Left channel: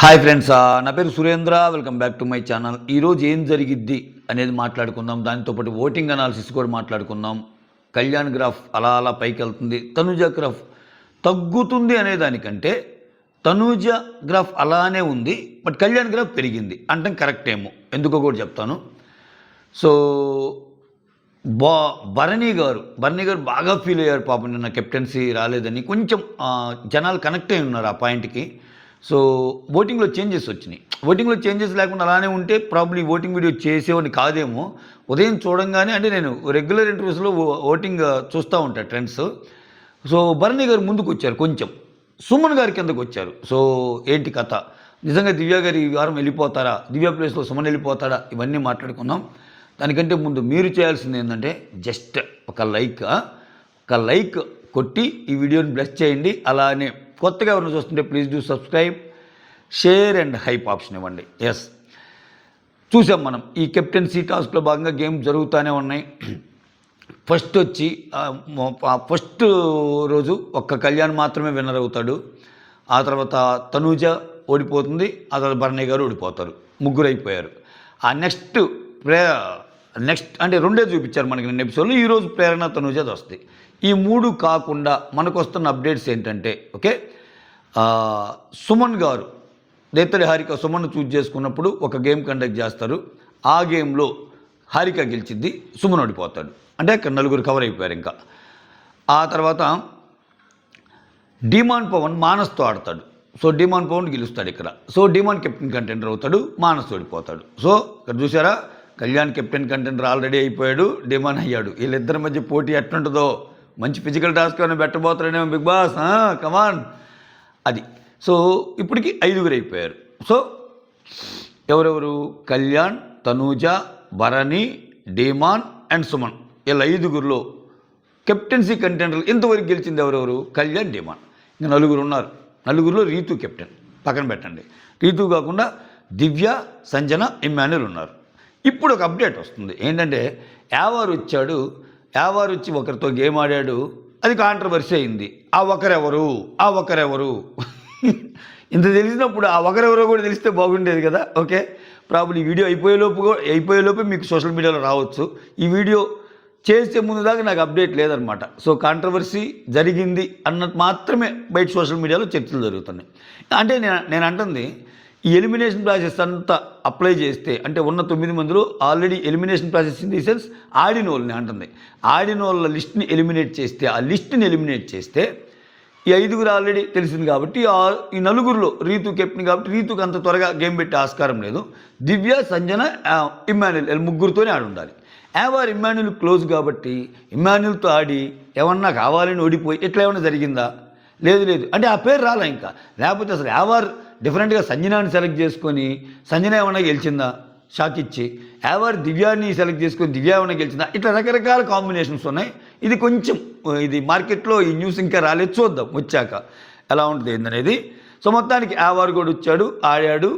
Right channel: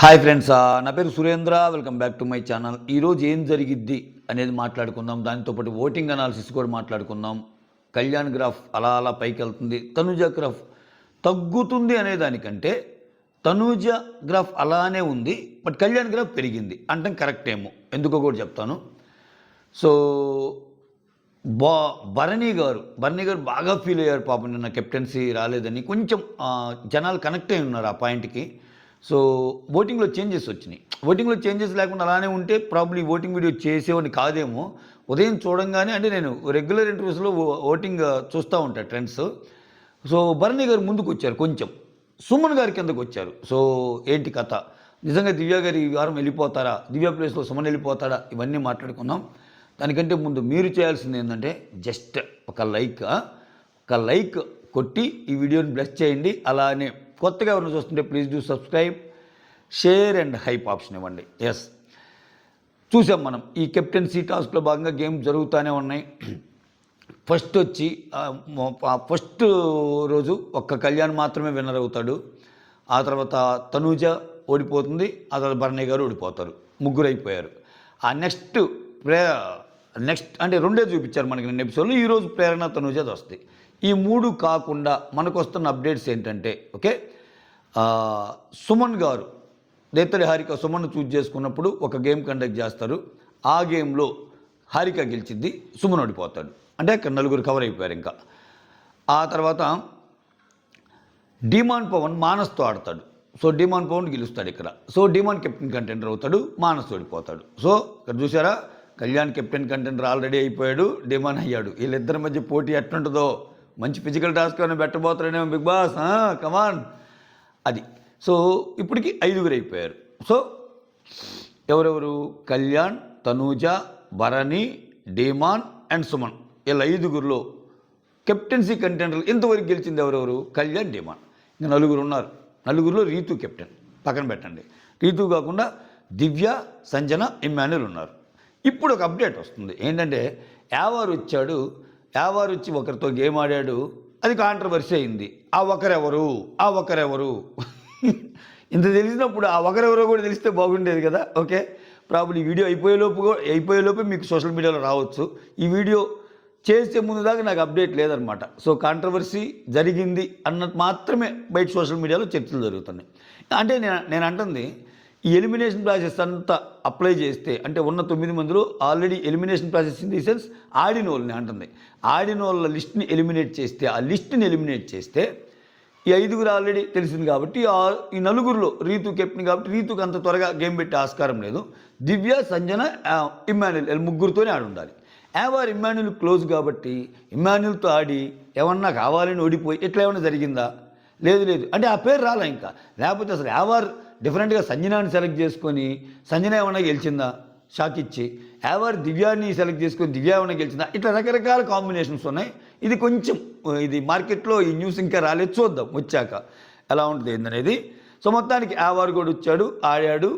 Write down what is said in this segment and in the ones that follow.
Hi friends, నా పేరు Surendra. Welcome back to my channel. ఈరోజు ఏం జరిగిద్ది అనేది మాట్లాడుకుందాం. దానితో పాటు ఓటింగ్ అనాలిసిస్ కూడా మాట్లాడుకుందాం. కళ్యాణ్ గ్రాఫ్ అలా అలా పైకి వెళ్తుంది, తనూజ గ్రాఫ్ తగ్గుతుంది అనే దానికంటే తనూజ గ్రాఫ్ అలానే ఉంది, బట్ కళ్యాణ్ గ్రాఫ్ పెరిగింది అంటే కరెక్ట్ ఏమో, ఎందుకో కూడా చెప్తాను. సో భరణి గారు బాగా ఫీల్ అయ్యారు పాపం, నిన్న కెప్టెన్సీ రాలేదని. కొంచెం జనాలు కనెక్ట్ అయి ఉన్నారు ఆ పాయింట్కి. సో ఓటింగ్లో చేంజెస్ వచ్చినాయి. ఓటింగ్లో చేంజెస్ లేకుండా అలానే ఉంటే ప్రాబ్లీ ఓటింగ్ వీడియో చేసేవాడిని కాదేమో. ఉదయం చూడంగానే, అంటే నేను రెగ్యులర్ ఇంటర్వ్యూస్లో ఓటింగ్ చూస్తూ ఉంటాను ట్రెండ్స్. సో భరణి గారు ముందుకు వచ్చారు, కొంచెం సుమన్ గారి కిందకు వచ్చారు. సో ఏంటి కథ, నిజంగా దివ్య గారు ఈ వారం వెళ్ళిపోతారా, దివ్య ప్లేస్లో సుమన్ వెళ్ళిపోతారా, ఇవన్నీ మాట్లాడుకుందాం. దానికంటే ముందు మీరు చేయాల్సింది ఏంటంటే జస్ట్ ఒక లైక్ కొట్టి ఈ వీడియోని బ్లెస్ చేయండి. అలానే కొత్తగా ఎవరైనా చూస్తుంటే please do subscribe, share and hype option ఇవ్వండి. ఎస్, చూసాం మనం ఈ కెప్టెన్సీ టాస్క్లో భాగంగా గేమ్ జరుగుతూనే ఉన్నాయి. ఫస్ట్ రోజు ఒక్క కళ్యాణ్ మాత్రమే విన్నర్ అవుతాడు. ఆ తర్వాత తనూజ ఓడిపోతుంది, ఆ తర్వాత భరణి గారు ఓడిపోతారు. ముగ్గురు అయిపోయారు. ఆ నెక్స్ట్ అంటే రెండే చూపించారు మనకి నిన్న ఎపిసోడ్లో. ఈరోజు ప్రేరణ తనూజది వస్తుంది. ఈ మూడు కాకుండా మనకు వస్తున్న అప్డేట్స్ ఏంటంటే, ఓకే, సుమన్ గారు నేతలి హారిక సుమన్ చూజ్ చేసుకున్నప్పుడు ఒక గేమ్ కండక్ట్ చేస్తారు. ఆ గేమ్లో హారిక గెలిచింది, సుమన్ ఓడిపోతాడు. అంటే ఇక్కడ నలుగురు కవర్ అయిపోయారు. ఇంకా ఆ తర్వాత డిమాన్ పవన్ మానస్తో ఆడతాడు. సో డిమాన్ పవన్ గెలుస్తాడు ఇక్కడ. సో డిమాన్ కెప్టెన్ కంటెండర్ అవుతాడు, మానస్ ఓడిపోతాడు. సో ఇక్కడ చూసారా, కళ్యాణ్ కెప్టెన్ కంటెండర్ ఆల్రెడీ అయిపోయాడు, డిమాన్ అయ్యాడు. వీళ్ళిద్దరి మధ్య పోటీ ఎట్లుంటుందో, మంచి ఫిజికల్ టాస్క్ ఏమైనా పెట్టబోతాడేమో బిగ్ బాస్, కమాన్ అది. సో ఇప్పటికి 5గురు అయిపోయారు. సో ఎవరెవరు, కళ్యాణ్, తనూజ, భరణి, డిమాన్ అండ్ సుమన్. వీళ్ళ 5గురిలో కెప్టెన్సీ కంటెండర్లు ఇంతవరకు గెలిచింది ఎవరెవరు, కళ్యాణ్, డిమాన్. ఇంకా 4 ఉన్నారు. 4గురిలో రీతు కెప్టెన్, పక్కన పెట్టండి. రీతు కాకుండా దివ్య, సంజన, ఇమ్మాన్యుల్ ఉన్నారు. ఇప్పుడు ఒక అప్డేట్ వస్తుంది ఏంటంటే, యావారు వచ్చి ఒకరితో గేమ్ ఆడాడు, అది కాంట్రవర్సీ అయింది. ఆ ఒకరెవరు ఇంత తెలిసినప్పుడు ఆ ఒకరెవరో కూడా తెలిస్తే బాగుండేది కదా. ఓకే, ప్రాబ్లీ ఈ వీడియో అయిపోయేలోపే మీకు సోషల్ మీడియాలో రావచ్చు. ఈ వీడియో చేసే ముందు దాకా నాకు అప్డేట్ లేదనమాట. సో కాంట్రవర్సీ జరిగింది అన్నట్టు మాత్రమే బయట సోషల్ మీడియాలో చర్చలు జరుగుతున్నాయి. అంటే నేను అంటుంది, ఈ ఎలిమినేషన్ ప్రాసెస్ అంతా అప్లై చేస్తే, అంటే ఉన్న 9 మందిలో already elimination process in the sense ఆడిన వాళ్ళని అంటుంది, ఆడిన వాళ్ళ లిస్ట్ని ఎలిమినేట్ చేస్తే, ఆ లిస్ట్ని ఎలిమినేట్ చేస్తే ఈ 5గురు ఆల్రెడీ తెలిసింది కాబట్టి, ఈ 4గురిలో రీతు కెప్టెన్ కాబట్టి రీతుకు అంత త్వరగా గేమ్ పెట్టే ఆస్కారం లేదు. దివ్య, సంజన, ఇమ్మాన్యుల్ ముగ్గురితోనే ఆడి ఉండాలి. ఇమ్మాన్యుల్ క్లోజ్ కాబట్టి ఇమ్మాన్యుల్తో ఆడి ఏమన్నా కావాలని ఓడిపోయి ఇట్లా ఏమన్నా జరిగిందా? లేదు. అంటే ఆ పేరు రాలా ఇంకా. లేకపోతే అసలు డిఫరెంట్గా సంజనాన్ని సెలెక్ట్ చేసుకొని సంజన ఏమన్నా గెలిచిందా షాక్ ఇచ్చి, దివ్యాన్ని సెలెక్ట్ చేసుకొని దివ్య ఏమన్నా గెలిచిందా? ఇట్లా రకరకాల కాంబినేషన్స్ ఉన్నాయి. ఇది కొంచెం మార్కెట్లో ఈ న్యూస్ ఇంకా రాలేదు, చూద్దాం వచ్చాక ఎలా ఉంటుంది ఏందనేది. సో మొత్తానికి కూడా వచ్చాడు, ఆడాడు.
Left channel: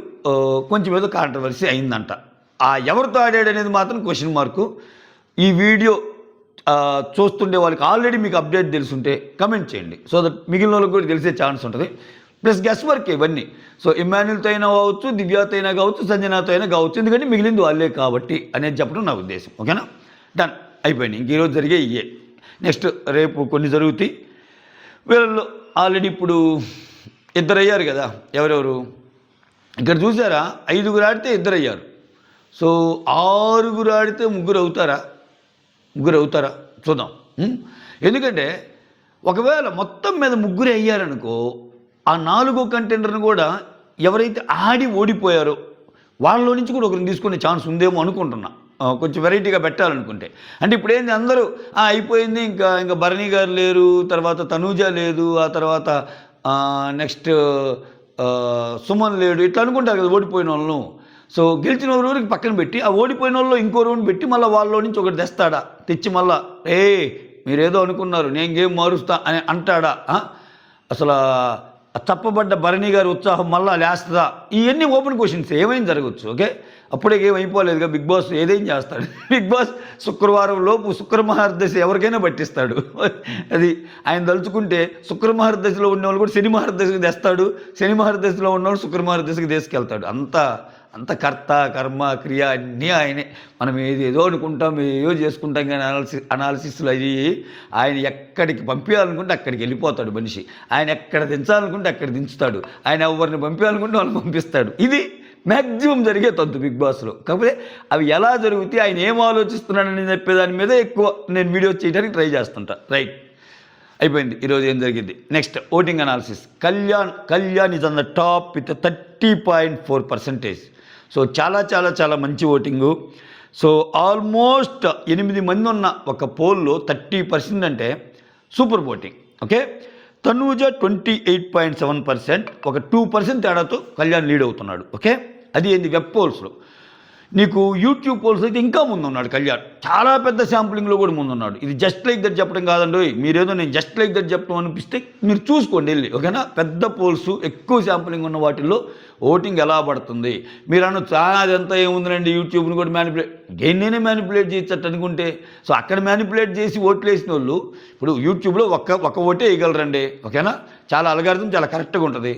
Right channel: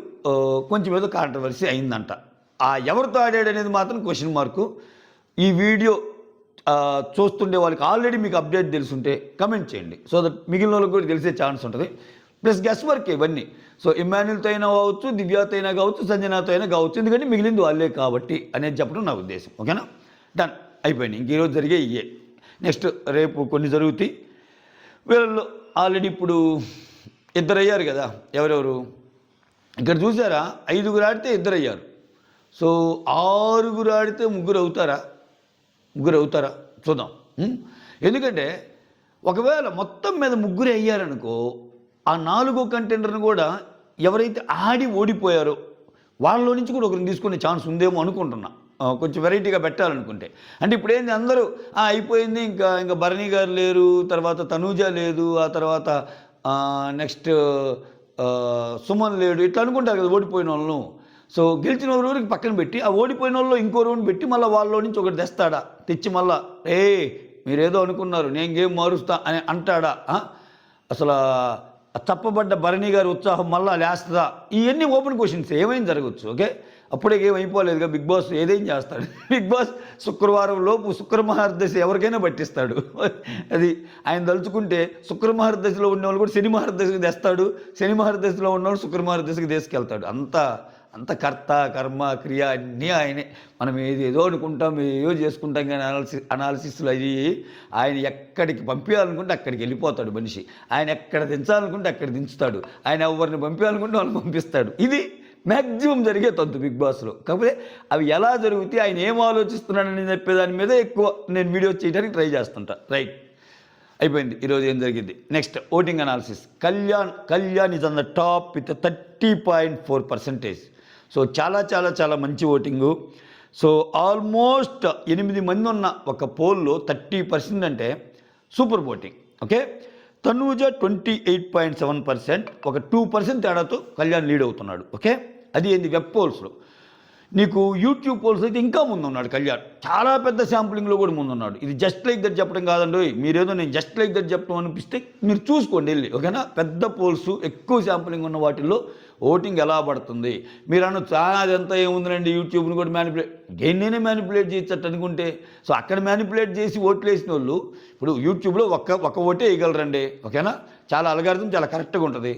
కొంచెం ఏదో కాంట్రవర్సీ అయిందంట. ఎవరితో ఆడాడు అనేది మాత్రం క్వశ్చన్ మార్కు. ఈ వీడియో చూస్తుండే వాళ్ళకి ఆల్రెడీ మీకు అప్డేట్ తెలుసుంటే కమెంట్ చేయండి, సో దట్ మిగిలిన వాళ్ళకి కూడా తెలిసే ఛాన్స్ ఉంటుంది. ప్లస్ గెస్ వర్క్ ఇవన్నీ. సో ఇమ్మాన్యుల్తో అయినా కావచ్చు, దివ్యాతో అయినా కావచ్చు, సంజనాతో అయినా కావచ్చు, ఎందుకంటే మిగిలింది వాళ్ళే కాబట్టి అనేది చెప్పడం నా ఉద్దేశం. ఓకేనా, డన్, అయిపోయింది. ఇంక ఈరోజు జరిగే ఇయే. నెక్స్ట్ రేపు కొన్ని జరుగుతాయి. వీళ్ళలో ఆల్రెడీ ఇప్పుడు 2 అయ్యారు కదా. ఎవరెవరు ఇక్కడ చూసారా, 5గురు ఆడితే 2 అయ్యారు. సో 6గురు ఆడితే 3 అవుతారా చూద్దాం. ఎందుకంటే ఒకవేళ మొత్తం మీద 3 అయ్యారనుకో, ఆ 4వ కంటెండర్ని కూడా ఎవరైతే ఆడి ఓడిపోయారో వాళ్ళలో నుంచి కూడా ఒకరిని తీసుకునే ఛాన్స్ ఉందేమో అనుకుంటున్నా, కొంచెం వెరైటీగా పెట్టాలనుకుంటే. అంటే ఇప్పుడు ఏంది, అందరూ అయిపోయింది, ఇంకా భరణి గారు లేరు, తర్వాత తనూజ లేదు, ఆ తర్వాత నెక్స్ట్ సుమన్ లేడు, ఇట్లా అనుకుంటారు కదా ఓడిపోయిన వాళ్ళను. సో గెలిచిన వాళ్ళకి పక్కన పెట్టి ఆ ఓడిపోయిన వాళ్ళు ఇంకో రౌండ్ పెట్టి మళ్ళీ వాళ్ళలో నుంచి ఒకటి తెస్తాడా, తెచ్చి మళ్ళా మీరేదో అనుకున్నారు నేను గేమ్ మారుస్తా అని అంటాడా? అసలు తప్పబడ్డ భరణి గారి ఉత్సాహం మళ్ళీ లేస్తుందా? ఇవన్నీ ఓపెన్ క్వశ్చన్స్, ఏమైనా జరగవచ్చు. ఓకే, అప్పుడే ఏం అయిపోలేదుగా బిగ్ బాస్ ఏదేం చేస్తాడు బిగ్ బాస్ శుక్రవారం లోపు శుక్రమహర్దశ ఎవరికైనా పట్టిస్తాడు. అది ఆయన తలుచుకుంటే శుక్రమహర్దశలో ఉన్నవాళ్ళు కూడా శని మహర్దశకి తెస్తాడు, శని మహర్దశలో ఉన్నవాళ్ళు శుక్రమహర్దశకి తీసుకెళ్తాడు. అంత కర్త కర్మ క్రియ అన్నీ ఆయనే. మనం ఏదేదో అనుకుంటాం, ఏదో చేసుకుంటాం, కానీ అనాలిసిస్లు అవి ఆయన ఎక్కడికి పంపించాలనుకుంటే అక్కడికి వెళ్ళిపోతాడు మనిషి. ఆయన ఎక్కడ దించాలనుకుంటే అక్కడ దించుతాడు. ఆయన ఎవరిని పంపించాలనుకుంటే వాళ్ళని పంపిస్తాడు. ఇది మ్యాక్సిమం జరిగే తంతు బిగ్ బాస్లో. కాకపోతే అవి ఎలా జరుగుతాయి, ఆయన ఏం ఆలోచిస్తున్నాడని చెప్పేదాని మీద ఎక్కువ నేను వీడియోస్ చేయడానికి ట్రై చేస్తుంటా. రైట్, అయిపోయింది. ఈరోజు ఏం జరిగింది. Next voting analysis. Kalyan is on the top with 30.4%. So చాలా మంచి ఓటింగు. సో ఆల్మోస్ట్ 8 మంది ఉన్న ఒక పోల్లో 30% అంటే సూపర్ ఓటింగ్. ఓకే, తనూజ 28.7%, ఒక 2% తేడాతో కళ్యాణ్ లీడ్ అవుతున్నాడు. ఓకే, అది ఏంది వెబ్ పోల్స్లో. నీకు యూట్యూబ్ పోల్స్ అయితే ఇంకా ముందున్నాడు కళ్యాణ్, చాలా పెద్ద శాంపులింగ్లో కూడా ముందున్నాడు. ఇది జస్ట్ లైక్ దట్ చెప్పడం కాదండి, మీరేదో నేను జస్ట్ లైక్ దట్ చెప్పడం అనిపిస్తే మీరు చూసుకోండి వెళ్ళి. ఓకేనా, పెద్ద పోల్స్ ఎక్కువ శాంపులింగ్ ఉన్న వాటిల్లో ఓటింగ్ ఎలా పడుతుంది. మీరు చాలా అదంతా ఏముందండి, యూట్యూబ్ని కూడా నేనే మ్యానిపులేట్ చేయొచ్చు అనుకుంటే. సో అక్కడ మ్యానిపులేట్ చేసి ఓట్లు వేసిన వాళ్ళు ఇప్పుడు యూట్యూబ్లో ఒక్క ఓటే వేయగలరండి. ఓకేనా, చాలా అల్గారిథం చాలా కరెక్ట్గా ఉంటుంది.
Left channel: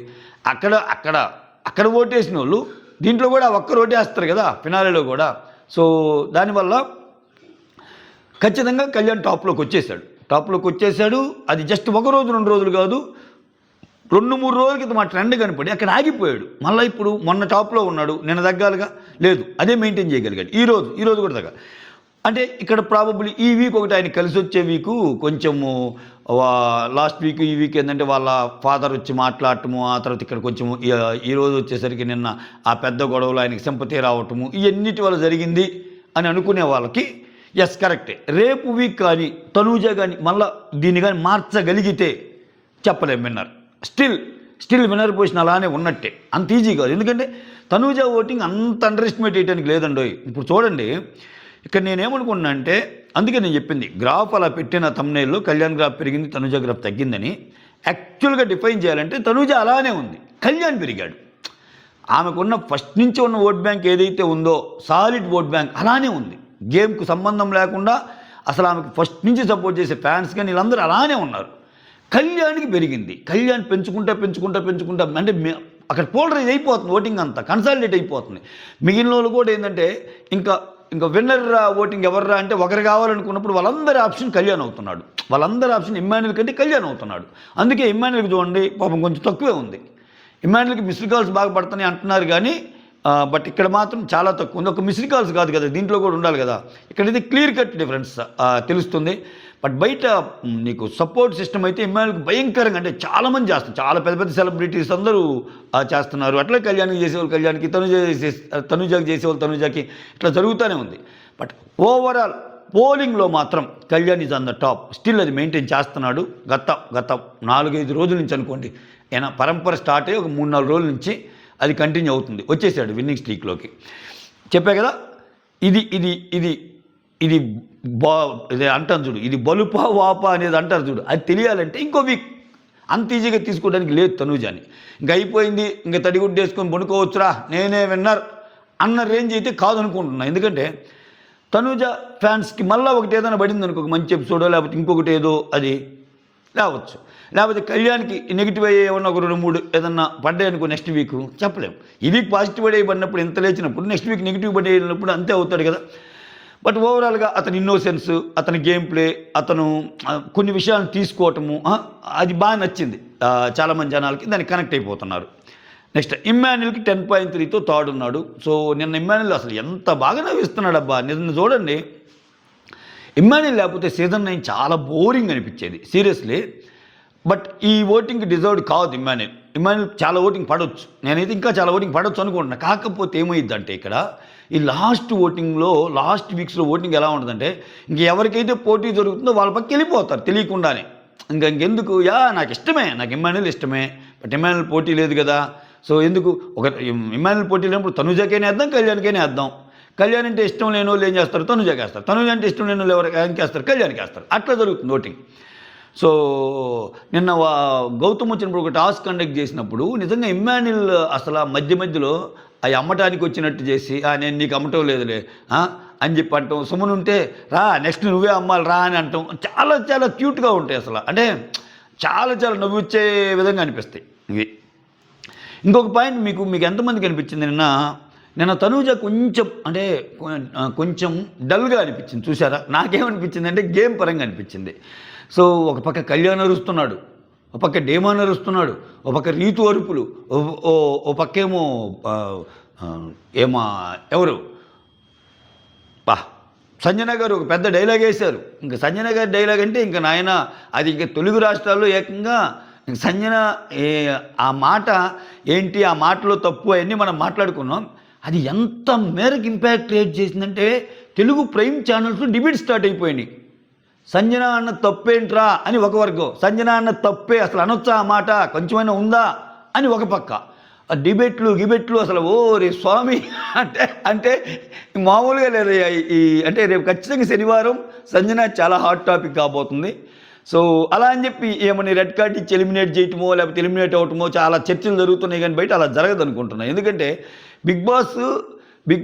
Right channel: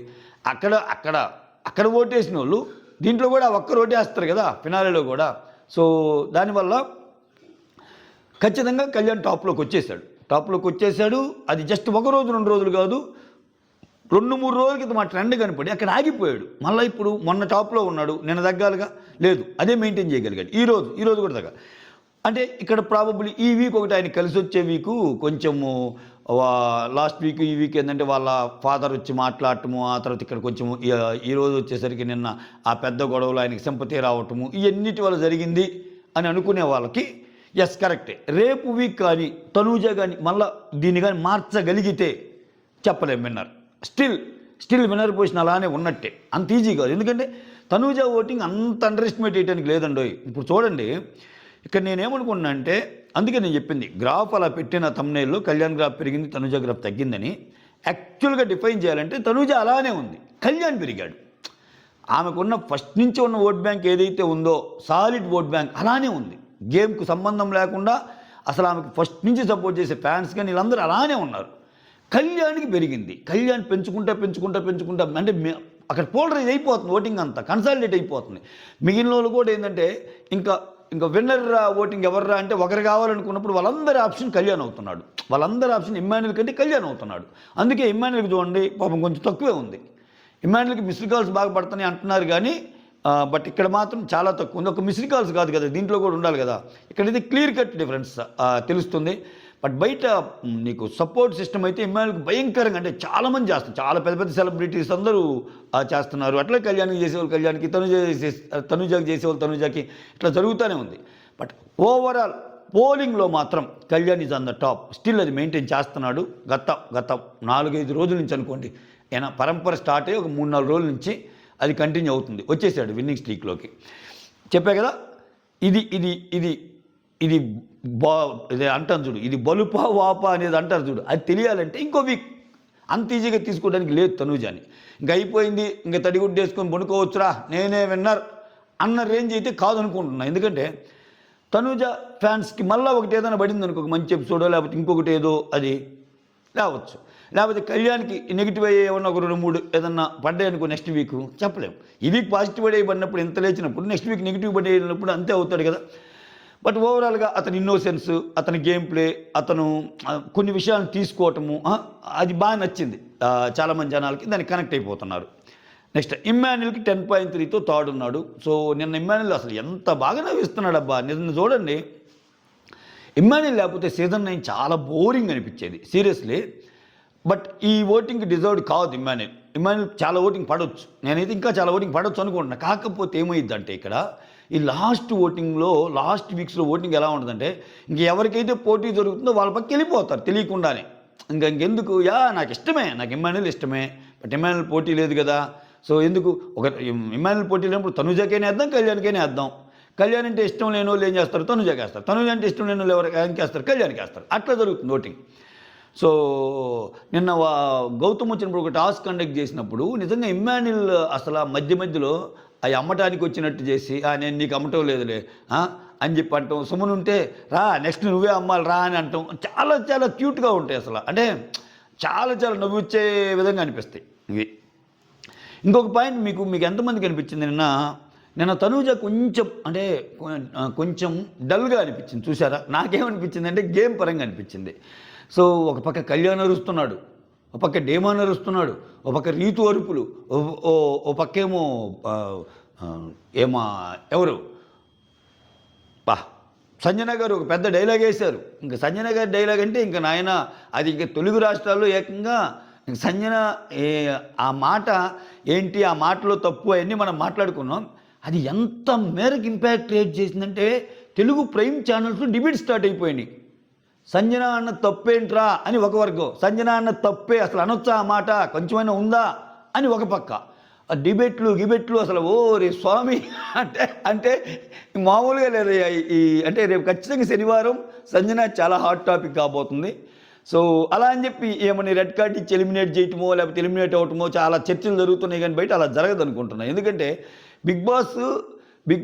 అక్కడ ఓటేసిన వాళ్ళు దీంట్లో కూడా ఒక్క ఓటే వేస్తారు కదా ఫినాలేలో కూడా. సో దానివల్ల ఖచ్చితంగా కళ్యాణ్ టాప్లోకి వచ్చేసాడు. అది జస్ట్ 1 రోజు 2 రోజులు కాదు, 2-3 రోజుల క్రితం మా ట్రెండ్ కనపడి అక్కడ ఆగిపోయాడు. మళ్ళీ ఇప్పుడు మొన్న టాప్లో ఉన్నాడు, నిన్న తగ్గాలిగా లేదు, అదే మెయింటైన్ చేయగలిగాడు. ఈరోజు కూడా తగ్గ. అంటే ఇక్కడ ప్రాబబ్లీ ఈ వీక్ ఒకటి ఆయన కలిసి వచ్చే వీకు కొంచెము, లాస్ట్ వీక్ ఈ వీక్ ఏంటంటే వాళ్ళ ఫాదర్ వచ్చి మాట్లాడటము, ఆ తర్వాత ఇక్కడ కొంచెము ఈరోజు వచ్చేసరికి నిన్న ఆ పెద్ద గొడవలు ఆయనకి సింపతి రావటము, ఇవన్నిటి వల్ల జరిగింది అని అనుకునే వాళ్ళకి ఎస్ కరెక్టే. రేపు వీక్ కానీ తనూజ కానీ మళ్ళీ దీన్ని కానీ మార్చగలిగితే చెప్పలేం విన్నర్. స్టిల్ విన్నర్ పొజిషన్ అలానే ఉన్నట్టే, అంత ఈజీ కాదు. ఎందుకంటే తనూజ ఓటింగ్ అంత అండర్ ఎస్టిమేట్ చేయడానికి లేదండి. ఇప్పుడు చూడండి, ఇక్కడ నేనేమనుకున్నా అంటే, అందుకే నేను చెప్పింది గ్రాఫ్ అలా పెట్టిన తమ్నేల్లో కళ్యాణ్ గ్రాఫ్ పెరిగింది, తనూజ గ్రాఫ్ తగ్గిందని. యాక్చువల్గా డిఫైన్ చేయాలంటే తనూజ అలానే ఉంది, కళ్యాణ్ పెరిగాడు. ఆమెకున్న ఫస్ట్ నుంచి ఉన్న ఓట్ బ్యాంక్ ఏదైతే ఉందో సాలిడ్ ఓట్ బ్యాంక్ అలానే ఉంది, గేమ్కు సంబంధం లేకుండా. అసలు ఆమెకు ఫస్ట్ నుంచి సపోర్ట్ చేసే ఫ్యాన్స్ కానీ వీళ్ళందరూ అలానే ఉన్నారు. కళ్యాణ్కి పెరిగింది. కళ్యాణ్ పెంచుకుంటా అంటే అక్కడ పోలరైజ్ అయిపోతుంది, ఓటింగ్ అంతా కన్సాలిడేట్ అయిపోతుంది. మిగిలిన వాళ్ళు కూడా ఏంటంటే ఇంకా విన్నర్ ఓటింగ్ ఎవర్రా అంటే ఒకరు కావాలనుకున్నప్పుడు వాళ్ళందరి ఆప్షన్ కళ్యాణ్ అవుతున్నాడు, వాళ్ళందరి ఆప్షన్ ఇమ్మాన్యుల్ కంటే కళ్యాణ్ అవుతున్నాడు. అందుకే ఇమ్మాన్యుల్కి చూడండి పాపం కొంచెం తక్కువే ఉంది. ఇమ్మాన్యుల్కి మిస్డ్ కాల్స్ బాగా పడుతున్నాయి అంటున్నారు కానీ బట్ ఇక్కడ మాత్రం చాలా తక్కువ ఉంది. ఒక మిస్డ్ కాల్స్ కాదు కదా, దీంట్లో కూడా ఉండాలి కదా. ఇక్కడైతే క్లియర్ కట్ డిఫరెన్స్ తెలుస్తుంది. బట్ బయట నీకు సపోర్ట్ సిస్టమ్ అయితే ఇమ్మాన్యుల్కి భయంకరంగా, అంటే చాలామంది చేస్తారు, చాలా పెద్ద సెలబ్రిటీస్ అందరూ చేస్తున్నారు. అట్లా కళ్యాణ్కి చేసేవాళ్ళు కళ్యాణ్కి, తనుజాకి చేసేవాళ్ళు తనుజాకి, ఇట్లా జరుగుతూనే ఉంది. బట్ ఓవరాల్ పోలింగ్లో మాత్రం Kalyan is on the top. Still అది మెయింటైన్ చేస్తున్నాడు. గత 4-5 రోజుల నుంచి అనుకోండి, ఏనా పరంపర స్టార్ట్ అయ్యి ఒక 3-4 రోజుల నుంచి అది కంటిన్యూ అవుతుంది. వచ్చేసాడు విన్నింగ్ స్ట్రీక్లోకి. చెప్పా కదా, ఇది అంటాను చూడు, ఇది బలుపా వాపా అనేది అంటారు చూడు, అది తెలియాలంటే ఇంకో వీక్. అంత ఈజీగా తీసుకోవడానికి లేదు తనూజాని. ఇంక అయిపోయింది, ఇంక తడిగుడ్డేసుకొని పడుకోవచ్చురా నేనే విన్నర్ అన్న రేంజ్ అయితే కాదనుకుంటున్నా. ఎందుకంటే తనూజ ఫ్యాన్స్కి మళ్ళీ ఒకటి ఏదైనా పడింది అనుకో, మంచి ఎపిసోడో లేకపోతే ఇంకొకటి ఏదో అది రావచ్చు. లేకపోతే కళ్యాణ్కి నెగిటివ్ అయ్యే ఏమన్నా ఒక 2-3 ఏదన్నా పడ్డాయి అనుకో నెక్స్ట్ వీక్ చెప్పలేము. ఈ వీక్ పాజిటివ్ పడే పడినప్పుడు ఎంత లేచినప్పుడు నెక్స్ట్ వీక్ నెగిటివ్ పడేసినప్పుడు అంతే అవుతాడు కదా. బట్ ఓవరాల్గా అతని ఇన్నోసెన్స్, అతని గేమ్ ప్లే, అతను కొన్ని విషయాలను తీసుకోవటము అది బాగా నచ్చింది చాలామంది జనాలకి, దానికి కనెక్ట్ అయిపోతున్నారు. నెక్స్ట్ ఇమ్మాన్యుల్కి 10.3తో థర్డ్ ఉన్నాడు. సో నిన్న ఇమ్మాన్యుల్ అసలు ఎంత బాగా నవ్విస్తున్నాడు అబ్బా. నిన్న చూడండి, ఇమ్మాన్యుల్ లేకపోతే సీజన్ 9 చాలా బోరింగ్ అనిపించేది సీరియస్లీ. బట్ ఈ ఓటింగ్కి డిజర్వ్డ్ కాదు ఇమ్మాన్యుల్ చాలా ఓటింగ్ పడవచ్చు, నేనైతే ఇంకా చాలా ఓటింగ్ పడవచ్చు అనుకుంటున్నా. కాకపోతే ఏమైందంటే ఇక్కడ ఈ లాస్ట్ ఓటింగ్లో లాస్ట్ వీక్స్లో ఓటింగ్ ఎలా ఉంటుందంటే, ఎవరికైతే పోటీ జరుగుతుందో వాళ్ళ పక్కకి వెళ్ళిపోతారు తెలియకుండానే. ఇంకెందుకు నాకు ఇష్టమే, నాకు ఇమ్మాన్యుల్ ఇష్టమే, బట్ ఇమ్మాన్యుల్ పోటీ లేదు కదా. సో ఎందుకు ఇమ్మాన్యుల్ పోటీ లేనప్పుడు తనుజాకైనా వేద్దాం, కళ్యాణ్కైనా వేద్దాం. కళ్యాణ్ అంటే ఇష్టం లేని వాళ్ళు ఏం చేస్తారు, తనుజాకి వేస్తారు. తనుజ అంటే ఇష్టం లేని వాళ్ళు ఎవరికి వేస్తారు, కళ్యాణ్కి వేస్తారు. అట్లా జరుగుతుంది ఓటింగ్. సో నిన్న గౌతమ్ వచ్చినప్పుడు ఒక టాస్క్ కండక్ట్ చేసినప్పుడు నిజంగా ఇమ్మాన్యుల్ అసలు మధ్యలో అవి అమ్మటానికి వచ్చినట్టు చేసి నేను నీకు అమ్మటం లేదులే అని చెప్పి అంటాం. సుమన్ ఉంటే రా నెక్స్ట్ నువ్వే అమ్మాలి రా అని అంటాం. చాలా చాలా క్యూట్గా ఉంటాయి అసలు, అంటే చాలా చాలా నవ్వుచ్చే విధంగా అనిపిస్తాయి ఇవి. ఇంకొక పాయింట్ మీకు ఎంతమందికి అనిపించింది నిన్న తనూజ కొంచెం డల్గా అనిపించింది చూసారా? నాకేమనిపించింది అంటే గేమ్ పరంగా అనిపించింది. సో ఒక పక్క కళ్యాణ్ అరుస్తున్నాడు, ఒక పక్క డేమాన్ అరుస్తున్నాడు, ఒక పక్క రీతు అరుపులు, ఓ పక్కేమో ఎవరు సంజన గారు ఒక పెద్ద డైలాగ్ వేశారు. ఇంకా సంజన గారి డైలాగ్ అంటే ఇంకా నాయన అది ఇంకా తెలుగు రాష్ట్రాల్లో ఏకంగా సంజన ఆ మాట ఏంటి, ఆ మాటలో తప్పు అవన్నీ మనం మాట్లాడుకున్నాం. అది ఎంత మేరకు ఇంపాక్ట్ క్రియేట్ చేసిందంటే తెలుగు ప్రైమ్ ఛానల్స్లో డిబేట్ స్టార్ట్ అయిపోయినాయి. సంజన అన్న తప్పేంట్రా అని ఒక వర్గం, సంజన అన్న తప్పే అసలు అనొచ్చా ఆ మాట కొంచెమైనా ఉందా అని ఒక పక్క. ఆ గిబెట్లు అసలు రే స్వామి అంటే మామూలుగా లేదు. అంటే రేపు ఖచ్చితంగా శనివారం సంజన చాలా హాట్ టాపిక్ కాబోతుంది. సో అలా అని చెప్పి ఏమని రెడ్ కార్డ్ ఇచ్చి ఎలిమినేట్ చేయటమో లేకపోతే ఎలిమినేట్ అవటమో చాలా చర్చలు జరుగుతున్నాయి, కానీ బయట అలా జరగదు అనుకుంటున్నాను. ఎందుకంటే బిగ్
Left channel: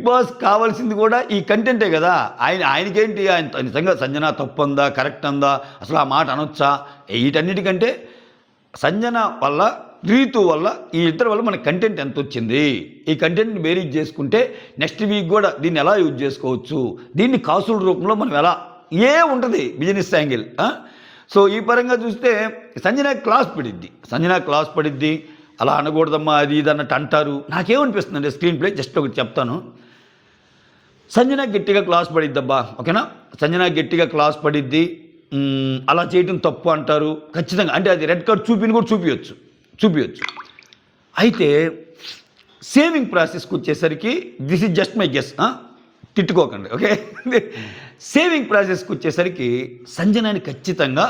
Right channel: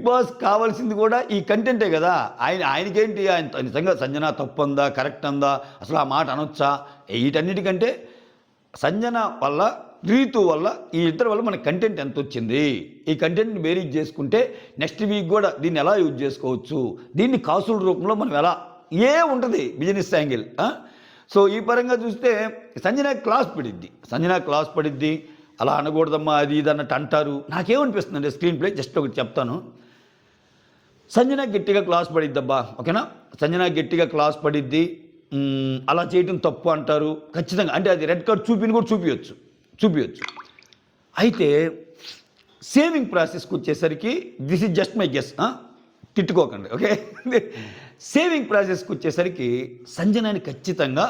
బాస్ కావాల్సింది కూడా ఈ కంటెంటే కదా. ఆయనకేంటి, ఆయన నిజంగా సంజన తప్పు అందా కరెక్ట్ అందా అసలు ఆ మాట అనొచ్చా, వీటన్నిటికంటే సంజన వల్ల రీతు వల్ల ఈ ఇద్దరి వల్ల మనకి కంటెంట్ ఎంత వచ్చింది, ఈ కంటెంట్ని బేరీజ్ చేసుకుంటే నెక్స్ట్ వీక్ కూడా దీన్ని ఎలా యూజ్ చేసుకోవచ్చు, దీన్ని కాసుల రూపంలో మనం ఎలా ఉంటుంది బిజినెస్ యాంగిల్. సో ఈ పరంగా చూస్తే సంజన క్లాస్ పడిద్ది అలా అనకూడదమ్మా అది ఇది అన్నట్టు అంటారు. నాకేమనిపిస్తుంది అంటే స్క్రీన్ ప్లే జస్ట్ ఒకటి చెప్తాను. సంజన గట్టిగా క్లాస్ పడిద్దబ్బా, ఓకేనా, సంజన గట్టిగా క్లాస్ పడిద్ది, అలా చేయటం తప్పు అంటారు ఖచ్చితంగా. అంటే అది రెడ్ కార్డ్ కూడా చూపించచ్చు. అయితే సేవింగ్ ప్రాసెస్కి వచ్చేసరికి this is just my guess, తిట్టుకోకండి, ఓకే. సేవింగ్ ప్రాసెస్కి వచ్చేసరికి సంజనాని ఖచ్చితంగా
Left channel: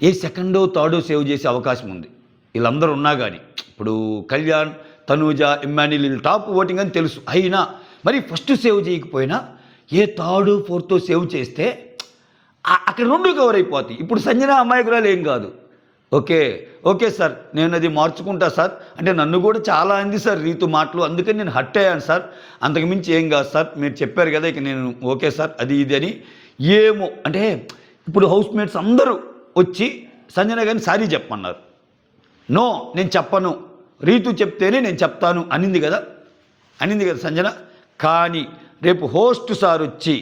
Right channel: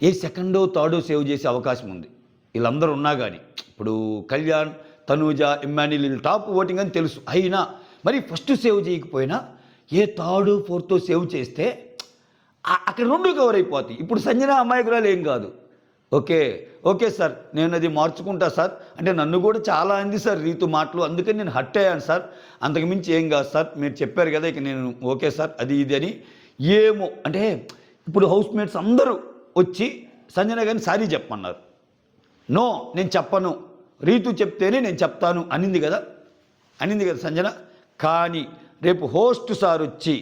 ఏ సెకండో థర్డో సేవ్ చేసే అవకాశం ఉంది. వీళ్ళందరూ ఉన్నా కానీ ఇప్పుడు కళ్యాణ్, తనూజ, ఇమ్మాన్యుల్ వీళ్ళు టాప్ ఓటింగ్ అని తెలుసు. అయినా మరి ఫస్ట్ సేవ్ చేయకపోయినా ఏ థర్డ్ ఫోర్త్ సేవ్ చేస్తే అక్కడ రెండు కవర్ అయిపోతాయి. ఇప్పుడు సంజన అమాయకురాలు ఏం కాదు. ఓకే సార్ నేను అది మార్చుకుంటా సార్, అంటే నన్ను కూడా చాలా అంది సార్ రీతు మాటలు, అందుకని నేను హట్ అయ్యాను సార్, అంతకుమించి ఏం కాదు సార్, మీరు చెప్పారు కదా ఇక నేను ఓకే సార్ అది ఇది అని ఏమో. అంటే ఇప్పుడు హౌస్ మేట్స్ అందరూ వచ్చి సంజన గారిని సారీ చెప్పమన్నారు. నో నేను చెప్పను, రీతు చెప్తేనే నేను చెప్తాను అనింది కదా సంజన. కానీ రేపు హోస్ట్ సార్ వచ్చి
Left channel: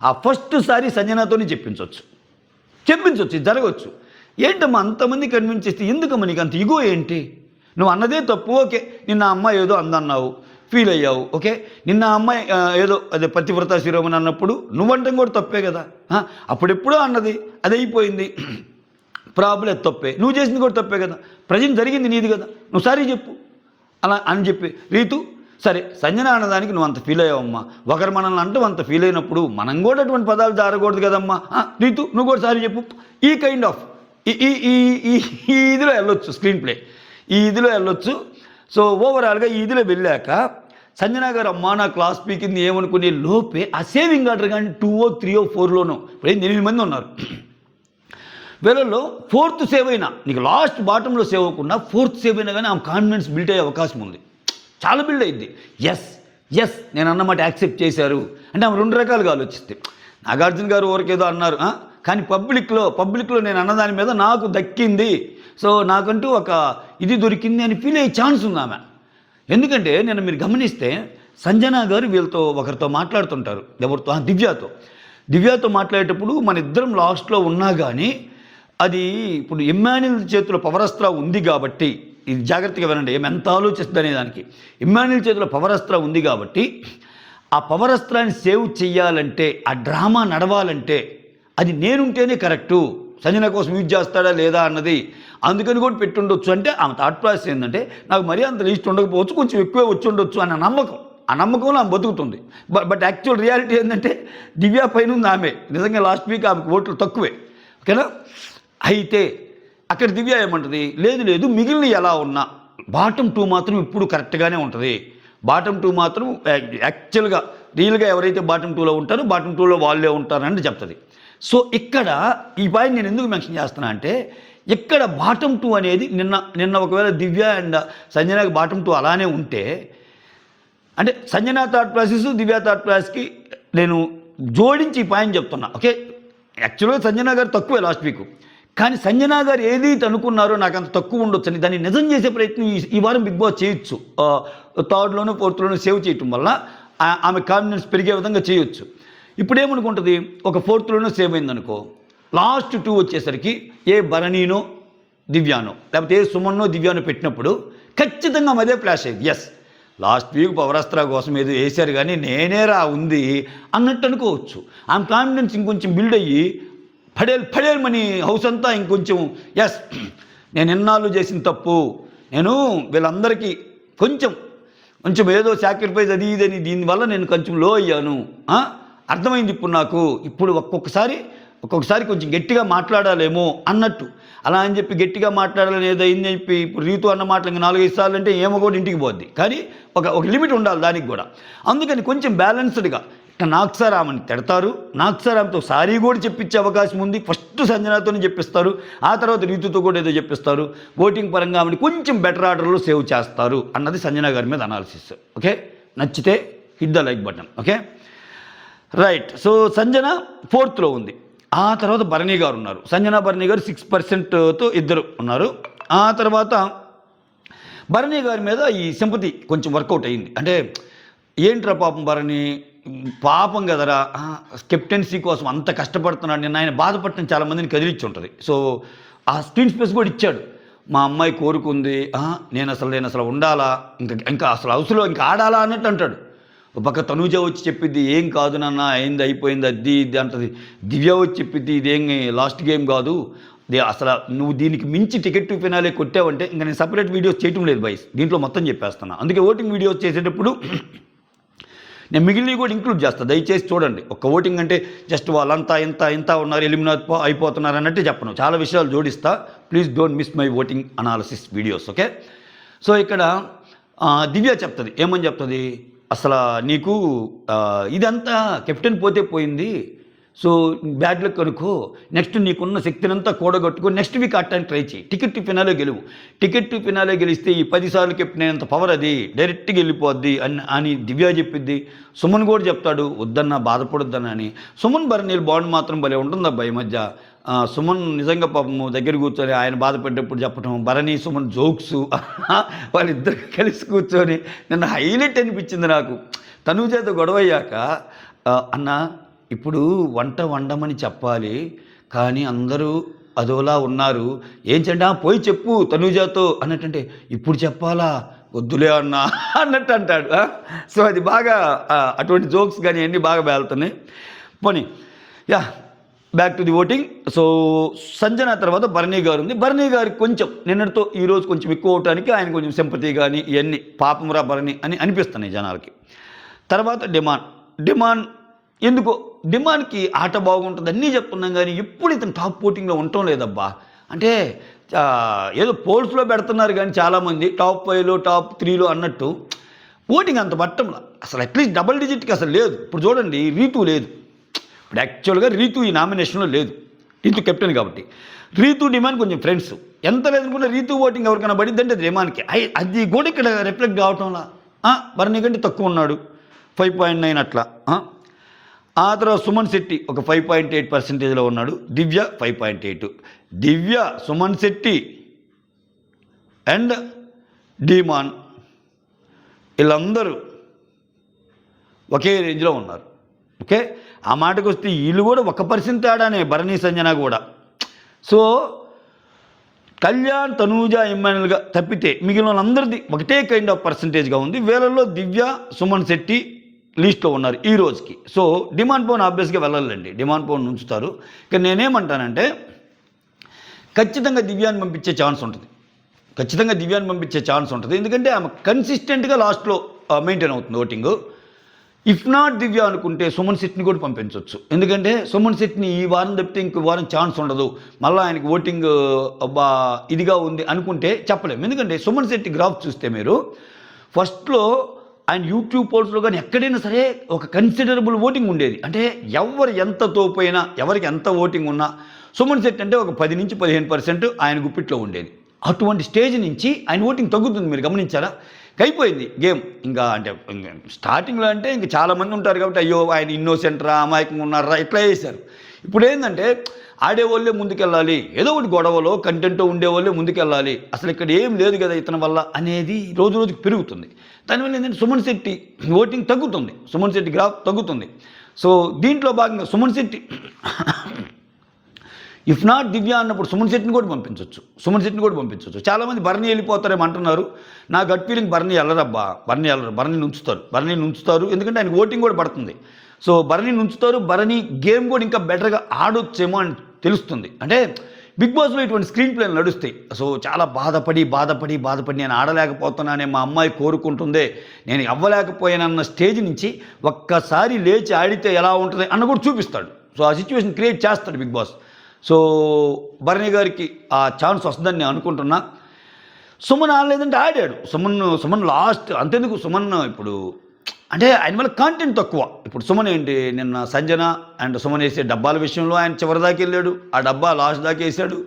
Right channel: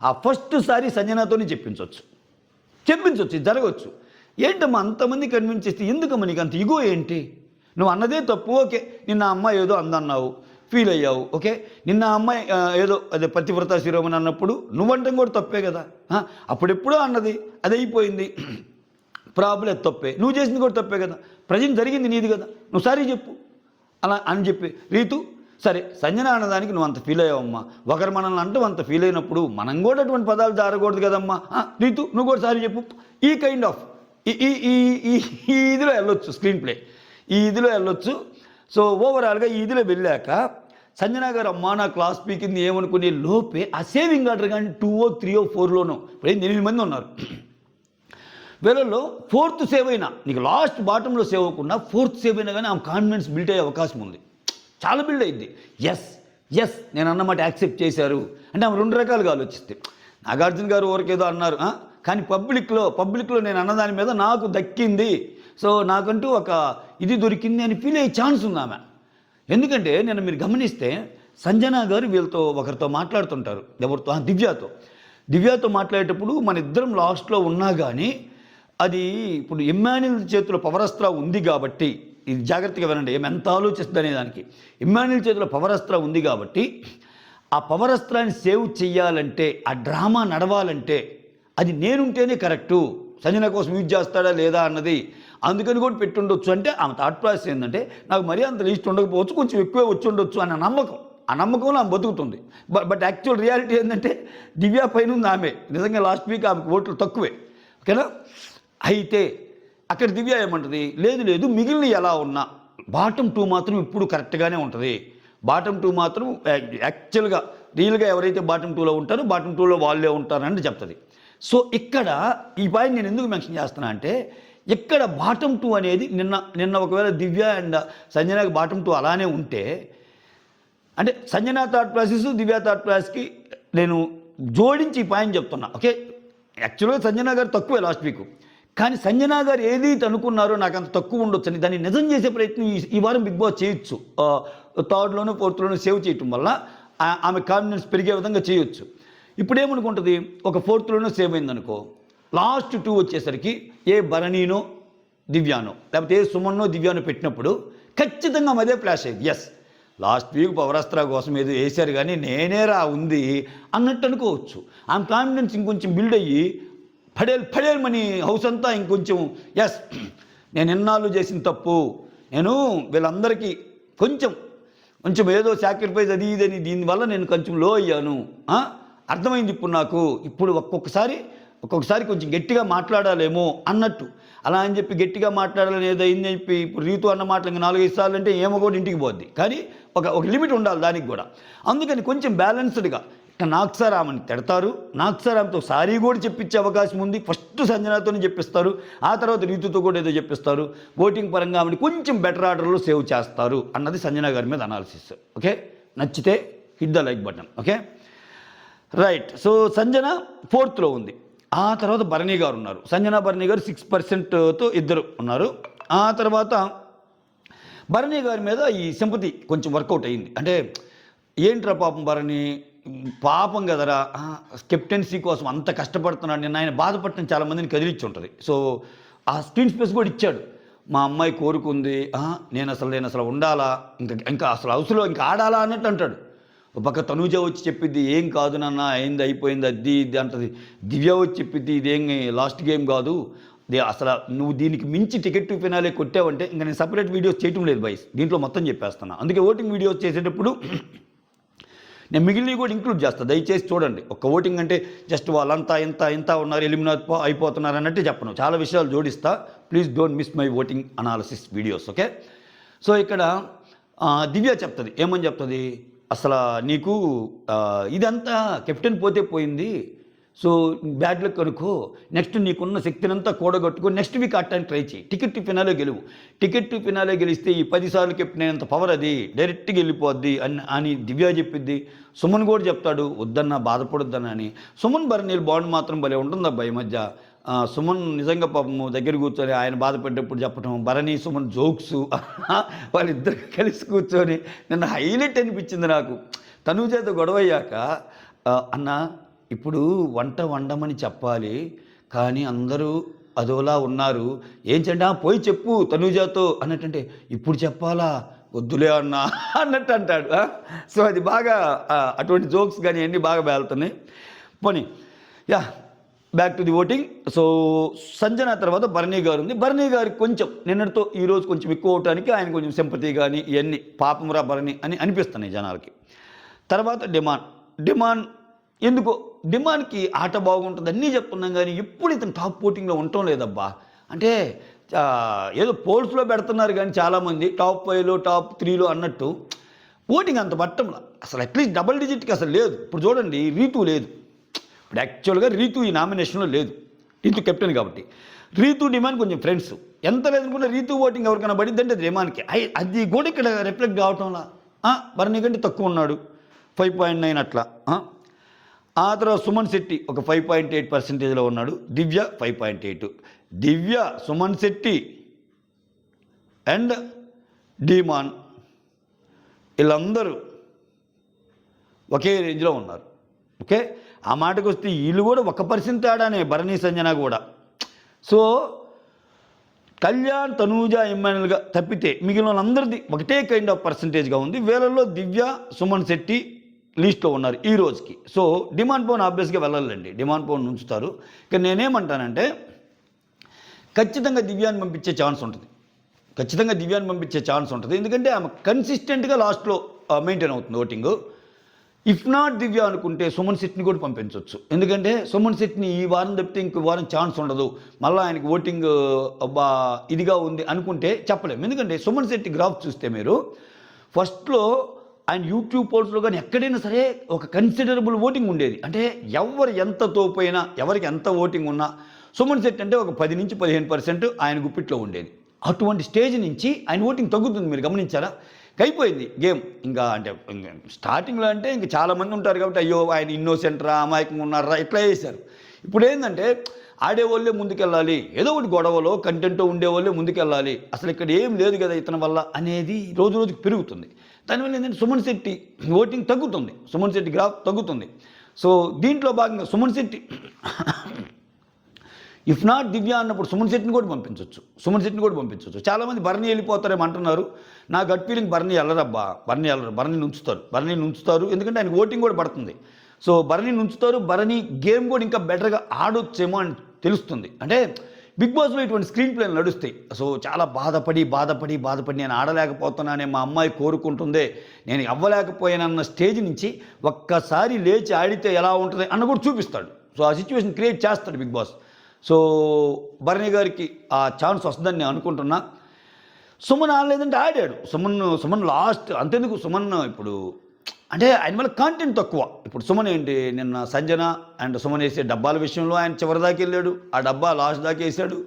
ఆ ఫస్ట్ సారి సంజనతోనే చెప్పించవచ్చు, జరగవచ్చు. ఏంటమ్మా అంతమంది కన్విన్స్ చేస్తే ఎందుకమ్మా నీకు అంత ఇగో ఏంటి, నువ్వు అన్నదే తప్పు, ఓకే నిన్న అమ్మాయి ఏదో అందన్నావు ఫీల్ అయ్యావు, ఓకే నిన్న అమ్మాయి ఏదో అదే పతివ్రత శిరోమణి అన్నప్పుడు నువ్వంటం కూడా తప్పే కదా, అప్పుడెప్పుడో అన్నది అది అయిపోయింది, ప్రాబ్లం తప్పే, నువ్వు చేసింది కూడా తప్పే కదా, ప్రజెంట్ జరిగింది నీది కదా, నువ్వు సారీ చెప్పు అలా అని చెప్పి రీతు సరే సంజన అన్నదానికి నువ్వు అంత ఫీల్ అయ్యావమ్మా, ఒకరు మనల్ని అంటూ అంత ఫీల్ అయినప్పుడు మనం కూడా అటువంటి పదాలు జారకూడదు కదమ్మా, రీతు నువ్వు కూడా సారీ చెప్పు. ఈ కైండ్ ఆఫ్ ఈ ఇదిలో వెళ్ళొచ్చు, స్క్రీన్ ప్లే ఈ ఇదిలో వెళ్ళొచ్చు. సో ఓవరాల్గా ఈ ఇదిలో వెళ్ళాక సంజన గారు అమ్మా నా క్లాస్ పీకింది ఏమనుకునే లోపే ఆ సేవింగ్ ఆర్డర్ కానీ 2 or 3 or 4 ఇప్పుడు 8 మంది ఉన్నారు. వీళ్ళలో 4th సేవ్ అయినా నీకు లాస్ట్ బాటంలో సేవ్ అవ్వకుండా 4th సేవ్ అయినా కానీ ఆమె కాన్ఫిడెన్స్ బిల్డ్ అయ్యే అవకాశం ఉంది, చాలా బిల్డ్ అయ్యింది. ఎస్ నేను అన్నమాట యాక్సెప్ట్ చేశారు అంటే ఆమె 2 రకాలుగా ఆలోచిస్తే. నాగార్జున గారు ఊరికేదో అన్నారు, కానీ పబ్లిక్లో నేను అన్నదాని మీద నాకు దక్కింది, సో నాకంటూ ఒక ఇది దొరికింది అని ఫీల్ అయ్యే ఛాన్స్ ఉంది ఆమె. ఎందుకంటే నేను మీరు గమనిస్తే సంజన గారు వీళ్ళతో ఒకరితో మాట్లాడుతుంటారు, ఎవరితో దివ్యతో మాట్లాడేటప్పుడు మన ఇద్దరం లాస్ట్లో ఉన్నా కానీ అది ఇప్పుడు ఇమ్మాన్యుల్ చేతిలో పవరస్త్ర ఉంది కాబట్టి, ఇది జాగ్రత్తగా వినండి ఏమి ఎంత ఆలోచిస్తుంది అనే దానికి. ఇమ్మాన్యుల్ చేతిలో పవరస్త్ర ఉంది కాబట్టి ఆ పవరస్త్రాన్ని సేవ్ చెయ్యాలంటే ఆ డ్రామా నడవాలంటే అది నేనుంటేనే కరెక్టు, సంజన కోసం యూజ్ చేస్తాడా లేదా అన్నది అందుకని కూడా పెట్టుండొచ్చు. అంటే ఆమె థాట్ ప్రాసెస్ ఏంటంటే నాకు మరీ అంత లీస్ట్ ఉండకపోవచ్చు, కొంచెం ఎక్కువే వచ్చి ఉండొచ్చు అన్న నమ్మకం, ఆ నమ్మకంలో ఆమె బతుకుతుంది. బట్ యాక్చువల్ రియాలిటీ ఏంటంటే దివ్య పైన ఉంది ఆమె, నిజంగా లాస్ట్ వీక్ ఆమెకు ఓట్లు తక్కువే, ఓకేనా. అయితే అక్కడ దివ్య ఏమంటుంది, లేదు మిగిలిన ఎలా ఉన్నా బాటమ్ 2 మాత్రం ఇప్పుడు కరెక్ట్గానే ఉంటుంది, బాటమ్ 2 మాత్రం యాక్చువల్గా రియల్గా ఎవరైతే బాటమ్ 2లో ఉంటారో బాటమ్ 2లో వాళ్ళే ఉంటారని చెప్తుంది. సో ఇక్కడ ఈ పాయింట్ నేను ఎందుకు మెన్షన్ చేస్తున్నా అంటే ఇక్కడ బాటమ్ 2 అనేది నిన్న ఒకవేళ దివ్య అండ్ సంజనకి బాటమ్ 2 అలానే ఉంటే అంటే సంజన థర్డ్ ప్లేసెస్, దివ్య థర్డ్ ప్లేస్కి నేను జోడించి ఈ పాయింట్ చెప్తున్నా. ఓకే, యాక్చువల్గా సంజన గారు తక్కువే లాస్ట్ వీక్, కానీ సంజన గారు ఏదైతే అనుకున్నారో నాకు అంత తక్కువ ఉండొచ్చు అని దాన్ని నిజం చేసే ప్రయత్నం ఈ వారం బిగ్ బాస్ చేయొచ్చు. థర్డ్లోనూ ఫోర్త్లోనూ సేవ్ చేయటం వల్ల ఆమె కాన్ఫిడెన్స్ పెరిగే విధంగా చేయొచ్చు. ఇప్పుడు ఏమనుకుంటుంది, ఒక ఫోర్త్లోనూ సేవ్ అయిందనుకో, లాస్ట్ 2 వచ్చేసరికి ఏ భరణీనో దివ్యానో లేకపోతే ఏ సుమన్నో దివ్యానో పెట్టినప్పుడు ఖచ్చితంగా అదే ఫ్లాష్ అయ్యింది. ఎస్, లాస్ట్ వీక్ పవరాస్త్ర కోసం ఏదో వేశారు కానీ నేనేరా ఉంది అన్నట్టు అనుకోవచ్చు. ఆమె కాన్ఫిడెన్స్ ఇంకొంచెం బిల్డ్ అయ్యి పడేమని హౌస్ అంతా ఇంకొంచెం ఎస్ నేను ఎన్నాళ్ళు చేసిన తప్పు, నేను వీళ్ళందరికీ కొంచెం ఏదో సాక్రిఫైస్ అది ఇదని దీనివల్ల నేను కొంచెం లో అయ్యాను, అర్థమైంది ఇప్పుడు నాకు, ఇప్పుడు ఒక్కొక్కసారి కొంచెం గట్టిగా మాట్లాడాలేమో అన్నట్టు. అలా అని చెప్పి గట్టిగా మాట్లాడాలని ఏదో అయింది చెప్పి ఇప్పుడు రీతు అన్న మాటలు ఇంకా 4-5 సార్లు అంటే ఏమో కూడా ఇంటికి పోద్ది. కానీ ఒక లిమిట్ ఉండాలి దానికి కూడా. అందుకని కొంచెం బ్యాలెన్స్డ్గా నాగ్సార్ ఆమెను తిడతారు, నాగ్సార్ ఆమెతో సారీ కూడా చెప్పించే అవకాశం ఉంది. ఫస్ట్ సంజనతోనే చెప్పిస్తారు, ఆ తర్వాత రీతుతో కూడా ఏదో చెప్పిస్తారు. ఓటింగ్ పరంగా ఆమెను కొంచెం బెటర్ ఆర్డర్లో సేవ్ చేస్తారు అన్నది సంజన గారి మీద అనాలిసిస్. ఓకే, నచ్చితే hit the like button. Okay right. So Sanjana 4th ఉంది. ఆ తర్వాత భరణి గారు ఉన్నారు. సంజన భరణి గారు 6%తో ఇద్దరు ఉన్నారు. ఆ తర్వాత భరణి గారి మీద ఈ సింపతి కొంచెం వర్కౌట్ అయ్యింది. అంటే ఏంట్రా పాపం భరణి, పాపం కదరా, కెప్టెన్సీ కోసం అంత కష్టపడుతున్నాడు, నిన్న ఆయన బాధపడటం చాలామందిని కదిలిచ్చి ఉంటుంది. సో ఆ స్క్రీన్ స్పేస్ కూడా ఇచ్చాడు. మా అమ్మాయి కోరుకుంది, నేను అసలు ఉండాలా, ఇంకా అసలు హౌస్లో ఇంకా ఆడాలా అన్నట్టు అంటాడు. ఒక పక్క తనూజ వచ్చి చెప్పిద్ది, ఏం కాదు నాన్న, అయింది అయిపోయింది అది ఇది అంటది. దివ్య వచ్చి చెప్పిద్ది, ఇదేం లాస్ట్ గేమ్ కాదు, అసలు నువ్వు దీనికి మించి టికెట్ టు ఫినాలే కొట్టావంటే ఇంకా నేను సపరేట్ వీడియోస్ చేయటం లేదు బాయ్స్, దీంట్లో మొత్తం చెప్పేస్తున్నా. అందుకే ఓటింగ్ వీడియోస్ చేసేటప్పుడు నేను మిగిలినవి కూడా ఇంక్లూడ్ చేస్తాను, దయచేసి చూడండి. ఒక ఓటింగ్ అంటే జస్ట్ వాళ్ళంతా ఇంత ఉన్నారు, ఎలిమినేట్ అయిపోతున్నారు అన్నట్టే చెప్పను, చాలా విషయాలు జోడిస్తా. Please don't miss my voting analysis videos. Okay, so ఇక్కడ దివ్య చెప్తుంది, ఏమని చెప్తుంది, అసలు నీకు ఇదంతా కెప్టెన్ పోతే పోయింది, సో బ్యాడ్ లక్ అనుకో, నెక్స్ట్ నీకున్న శక్తిని అంతా కూడగొట్టుకో, నెక్స్ట్ వీక్ ఆడటానికి ట్రై చేయి, టికెట్ టు ఫినాలే గెలువు. టికెట్ టు ఫినాలే గెలిస్తే ఈ 10 సార్లు కెప్టెన్ అయినంత పవర్ అది డైరెక్ట్గా వెళ్ళిపోద్ది అని దివ్య చెప్పిద్ది. సుమన్ కూడా చెప్తాడు, వద్దన్నా బాధపడొద్దనని. సుమన్ భరణీల బాండ్ మాత్రం భలే ఉంటుంది అబ్బా ఈ మధ్య. సుమన్ నిజంగా పాపము దగ్గర కూర్చొని ఆయన బాధపడ్డప్పుడు చెప్పటం, భరణి సుమన్ జోక్స్ వాళ్ళిద్దరు కలిసి కూర్చొని నన్ను హైలైట్ అనిపించింది నాకు. తనూజతో గొడవ అయ్యాక, అన్న ఇప్పుడు వంట వండమని చెప్పాలి కానీ అందరూ అదోలా ఉన్నారు, ఏం చెండా పోయి చెప్పు తనూజతో అన్నట్టంటే, ఇప్పుడు చెప్పాలా వద్దులే అన్న అన్నట్టు అంటాడు. సో అది బాగా అటువంటి జోక్స్ కానీ అన్నీ బాగా వెళ్తున్నాయి. పోనీ back to the voting. So Sanjana తర్వాత భరణి గారు ఉంది. భరణి గారికి కొంచెం నిన్నటితో ఈరోజు కొంచెం ఎక్కువ అవటానికి ఆయన కొంచెం సింపతి కానీ ఇవన్నీ పాపంరా భరణి అని అనిపిస్తున్నాయి జనాలకి. తర్వాత డిమాండ్ ఎందుకో డిమాండ్కి ఆట బాగుంటుంది అన్నీ చెప్తున్నాం కానీ ఎప్పుడు ఇతను టాప్ ఓటింగ్లో ఉండటం లేదబ్బా. అంటే ఏదో పోల్స్లో పెడుతున్నారు కానీ చాలామంది టాప్ 5లో టాప్ 3లో అన్నట్టు ఓటింగ్ అంత పట్టంలా. అసలు అట్లీస్ట్ డబుల్ డిజిట్కి అసలు లేదు. ఇప్పుడు చూడండి, రీతు లేదు. ఇప్పుడు యాక్చువల్గా రీతు ఈ నామినేషన్లో లేదు, రీతు కెప్టెన్ కాబట్టి. రీతు డిమాండ్ కొంచెం ఫ్రెండ్స్, ఎంత లేదనుకున్నా రీతు ఓటింగ్ ఎవరికైనా పడిద్దంటే అది డిమాండ్కి. అది కూడా ఇక్కడ రిఫ్లెక్ట్ కావటంలా. భరణి కంటే తక్కువ ఉన్నాడు, 5.9 అట్లా. ఆ తర్వాత సుమన్ శెట్టి ఒక 5.8% ఉన్నాడు. దివ్య 5.8. దివ్య, సుమన్ శెట్టి అండ్ డిమాన్ వీళ్ళందరూ ఒకే రేంజ్లో ఉన్నారు. ఓకే, ఆ మాటకు వస్తే వీళ్ళు కూడా 1% తేడానే, భరణి సంజన కూడా. సో కళ్యాణ్, తనూజ, ఎమ్మెల్యేగా తప్పితే మిగిలిన వాళ్ళందరిది ఒకటే కైండ్ ఆఫ్ పర్సంటేజ్గా ఉంది. వీళ్ళల్లో దివ్య, సుమన్ శెట్టి లీస్ట్లో ఉన్నారు ఈ రోజుకి. సో డిమాండ్ పవన్ ఆబ్వియస్గా వెళ్ళాలండి, డిమాండ్ పవన్ ఉంచుతారు. కానీ నేనేమంటానంటే ఖచ్చితంగా దివ్యాన్ని పంపించే ఛాన్స్ ఉంటుంది, ఎందుకంటే ఆమె కన్సిస్టెంట్గా లాస్ట్లో మెయింటైన్ అవుతుంది ఓటింగ్. ఇఫ్ నాట్ దివ్య అనుకుంటే సుమన్ శెట్టిని కూడా పంపించవచ్చు, ఎందుకంటే సుమన్ శెట్టిని ఈ వారం తప్పితే ఇంకో వారం ఛాన్స్ ఉండదు, మళ్ళీ ఆయనకి ఓటింగ్ ఇదిగా ఉంది అనుకుంటే చెప్పలేము. ఎందుకంటే సుమన్ శెట్టి గ్రాఫ్ చూస్తే మీరు ఫస్ట్లో ఆయన యూట్యూబ్ పోల్స్లో కానీ ఎక్కడైనా సరే ఒక కన్సిడరబుల్ ఓటింగ్ ఉండేది. అంటే ఎవరు ఎంత తోపోయినా, ఎవరికి ఎంత ఓటింగ్ ఉన్నా సుమన్ శెట్టి అంటే ఒక 10 నుంచి 15% ఆయన గుప్పిట్లో ఉండేది. అటువంటి స్టేజ్ నుంచి ఆయన ఓటింగ్ తగ్గుతుంది, మీరు గమనించారా? అయిపోయింది గేమ్. ఇంకా అంటే స్టార్టింగ్లో అంటే ఇంక చాలామంది ఉంటారు కాబట్టి అయ్యో ఆయన ఇన్నోసెంట్రా, అమాయకంగా ఉన్నారా ఇట్లా చేశారు. ఇప్పుడు ఏంటంటే ఆడేవాళ్ళే ముందుకెళ్ళాలి, ఏదో ఒకటి గొడవలో కంటెంట్ ఉండేవాళ్ళే ముందుకెళ్ళాలి, అసలు ఇక్కడ ఏం లేదు కదా ఇతని వల్ల అనేది రోజు రోజుకి పెరుగుతుంది. దానివల్ల ఏంటంటే సుమన్ శెట్టి ఓటింగ్ తగ్గుతుంది, సుమన్ శెట్టి గ్రాఫ్ తగ్గుతుంది. సో దీంట్లో భాగంగా సుమన్ శెట్టి ఇఫ్ నాట్ దివ్య అన్నప్పుడు సుమన్ శెట్టిని కూడా పంపించవచ్చు. చాలామంది బర్నీ వెళ్ళిపోతారేమో అంటున్నారు. నా గట్ ఫీలింగ్ బర్నీ వెళ్ళరబ్బా, బర్నీ ఉంచుతారు ఎందుకంటే ఆయనకు ఓటింగ్ కూడా పడుతుంది. సో బర్నీ ఉంచుతారు, బర్నీ గేమ్ కూడా ఇంకా బెటర్గా ఆడొచ్చేమో అని తెలుస్తుంది. అంటే బిగ్ బాస్లో ఇటువంటి స్క్రీన్ ప్లేలు నడుస్తాయి. సో చాలా బాధపడి నేను ఆడలేకపోతున్నానే, మా అమ్మాయి కోరుకుంటుందే, నేను అవ్వలేకపోయానన్న స్టేజ్ నుంచి ఒక్కసారి లేచి ఆడితే ఎలా ఉంటుంది అన్న కూడా చూపిస్తాడు. సో ఆ సిచ్యువేషన్ క్రియేట్ చేస్తాడు బిగ్ బాస్. సో బర్నీ గారికి ఆ ఛాన్స్ వస్తుందని నేను అనుకుంటున్నా. సుమన్ ఆడలేదంటే ఆడాడు. సుమన్ లాస్ట్ అంతెందుకు, సుమన్ ఇప్పుడు అంటే ఆయన వల్ల కాంటెంట్ తక్కువ. ఇప్పుడు సుమన్ ఏంటి, నిన్న సంజన అండ్ సుమన్ వేసే డబ్బాల విషయంలో ఆయన చివరి దాకా వెళ్ళాడు, ఆ డబ్బా లాస్ట్ దాకా వేసాడు.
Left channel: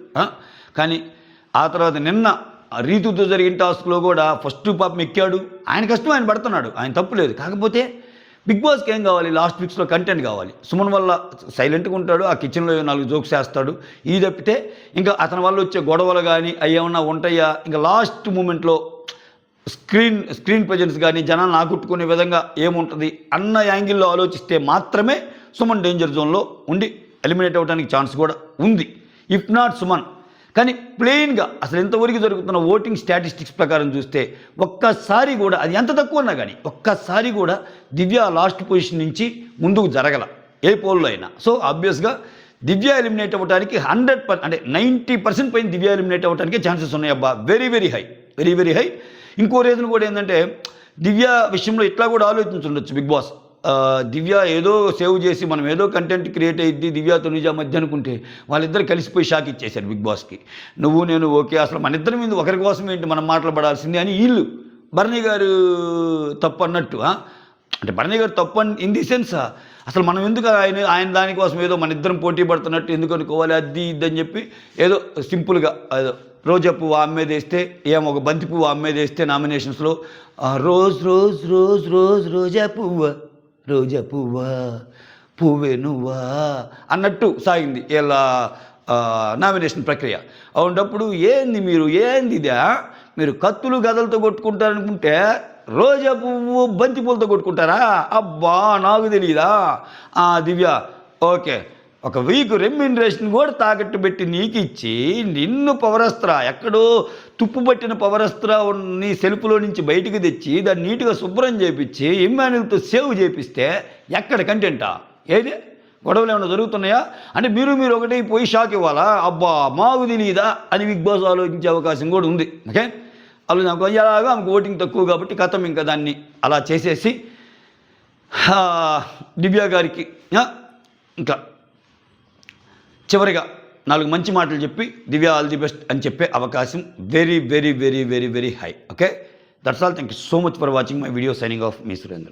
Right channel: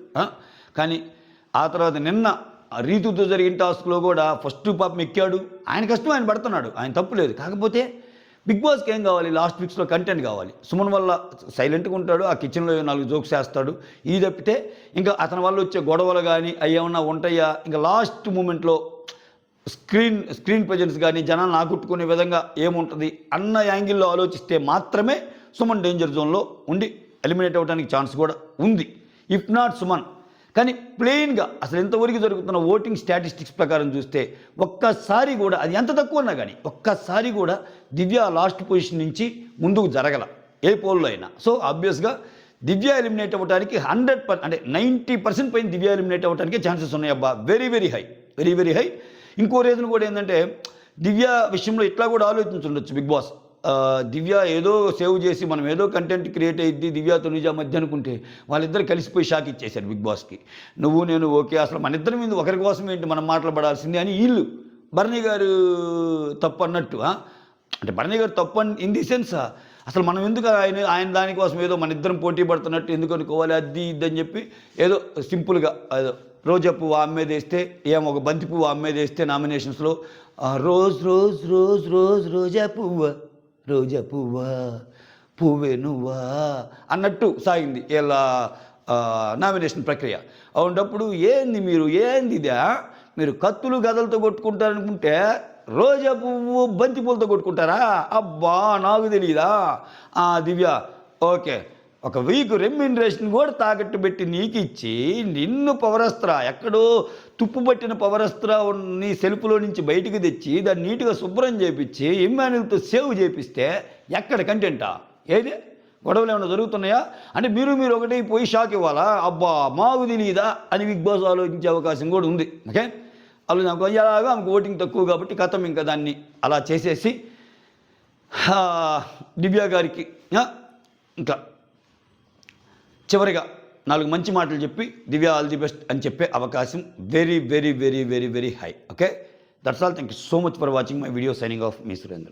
కానీ ఆ తర్వాత నిన్న రీతుతో జరిగిన టాస్క్లో కూడా ఫస్ట్ పాపం ఎక్కాడు. ఆయన కష్టం ఆయన పడుతున్నాడు, ఆయన తప్పు లేదు. కాకపోతే బిగ్ బాస్కి ఏం కావాలి, లాస్ట్ వీక్స్లో కంటెంట్ కావాలి. సుమన్ వల్ల సైలెంట్గా ఉంటాడు, ఆ కిచెన్లో 4 జోక్స్ వేస్తాడు. ఇది తప్పితే ఇంకా అతని వల్ల వచ్చే గొడవలు కానీ అవి ఏమన్నా ఉంటాయా, ఇంకా లాస్ట్ మూమెంట్లో స్క్రీన్ ప్రజెన్స్ కానీ జనాలను ఆకట్టుకునే విధంగా ఏముంటుంది అన్న యాంగిల్లో ఆలోచిస్తే మాత్రమే సుమన్ డేంజర్ జోన్లో ఉండి ఎలిమినేట్ అవ్వడానికి ఛాన్స్ కూడా ఉంది. If not Suman. కానీ ప్లెయిన్గా అసలు ఎంతవరకు జరుగుతున్న ఓటింగ్ స్టాటిస్టిక్స్ ప్రకారం చూస్తే ఒక్కసారి కూడా, అది ఎంత తక్కువ ఉన్నా కానీ ఒక్కసారి కూడా దివ్య లాస్ట్ పొజిషన్ నుంచి ముందుకు జరగల ఏ పోల్లో అయినా. సో ఆబ్వియస్గా దివ్య ఎలిమినేట్ అవ్వడానికి 100% అంటే 90% పైన దివ్య ఎలిమినేట్ అవ్వడానికి ఛాన్సెస్ ఉన్నాయి అబ్బా. Very very high. ఇంకో రీజన్ కూడా ఏంటంటే దివ్య విషయంలో ఇట్లా కూడా ఆలోచించుండొచ్చు బిగ్ బాస్. దివ్య ఏదో సేవ్ చేసి మనం ఏదో కంటెంట్ క్రియేట్ అయ్యిద్ది దివ్య తనుజ మధ్య అనుకుంటే వాళ్ళిద్దరు కలిసిపోయి షాక్ ఇచ్చేశారు బిగ్ బాస్కి. నువ్వు నేను ఓకే, అసలు మన ఇద్దరి మీద ఒకరి కోసం ఏంటి మనం మాట్లాడబడాల్సింది అని వీళ్ళు బర్నీ గారు తప్పు అన్నట్టు. అంటే బర్నీ గారు తప్పు ఇన్ ది సెన్స్ అసలు మనం ఎందుకు ఆయన దానికోసం ఏదో మన ఇద్దరం పోటీ పడుతున్నట్టు ఎందుకు అనుకోవాలి, అది ఇద్దని చెప్పి ఏదో సింపుల్గా ఏదో రోజా పువ్వు అమ్మేది వేస్తే ఏమో ఒక బంతి పువ్వు అమ్మేది వేస్తే నామినేషన్స్లో రోజా పువ్వా పువ్వే నువ్వా అన్నట్టు సాగింది ఇలా నామినేషన్ ప్రక్రియ. అవునప్పుడు ఏంది ఇదా, మీరు కత్తులు గదలతో కొట్టుకుంటారనుకుంటే రోజా పువ్వు బంతి పూలతో కొట్టుకుంటారా? అబ్బా నాకు తెలియదా. దివ్య ఓకే, ఒక వీక్ రెమ్యూనరేషన్ కూడా తాకట్టు పెట్టి నీకు ఇచ్చి నిన్ను పవరస్త్ర ఎక్కడో తుప్పు పట్టిన పవరస్త్ర నీ సెల్ఫ్లో నుంచి బయటికి తెచ్చి దాన్ని నీట్గా శుభ్రం చేపించి ఇమ్మాన్యుల్తో సేవ్ చేపిస్తే ఎక్కడ కంటెంటా? ఏది గొడవలు ఏమైనా జరుగుతున్నాయా అంటే మీరు ఒకటి పోయి షాక్ ఇవ్వాలా? అబ్బా మాకు తెలియదా అని బిగ్ బాస్ ఆలోచించే అవకాశం కూడా ఉంది. ఓకే, అలా నాకు ఎలాగా ఆమెకు ఓటింగ్ తక్కువ కాబట్టి కథం ఇంకా దాన్ని అలా చేసేసి దివ్య గారికి ఇంకా చివరిగా 4 మంచి మాటలు చెప్పి దివ్య ఆల్ ది బెస్ట్ అని చెప్పే అవకాశం very high. Okay, that's all. Thank you so much for watching my video. Signing off me Surendra.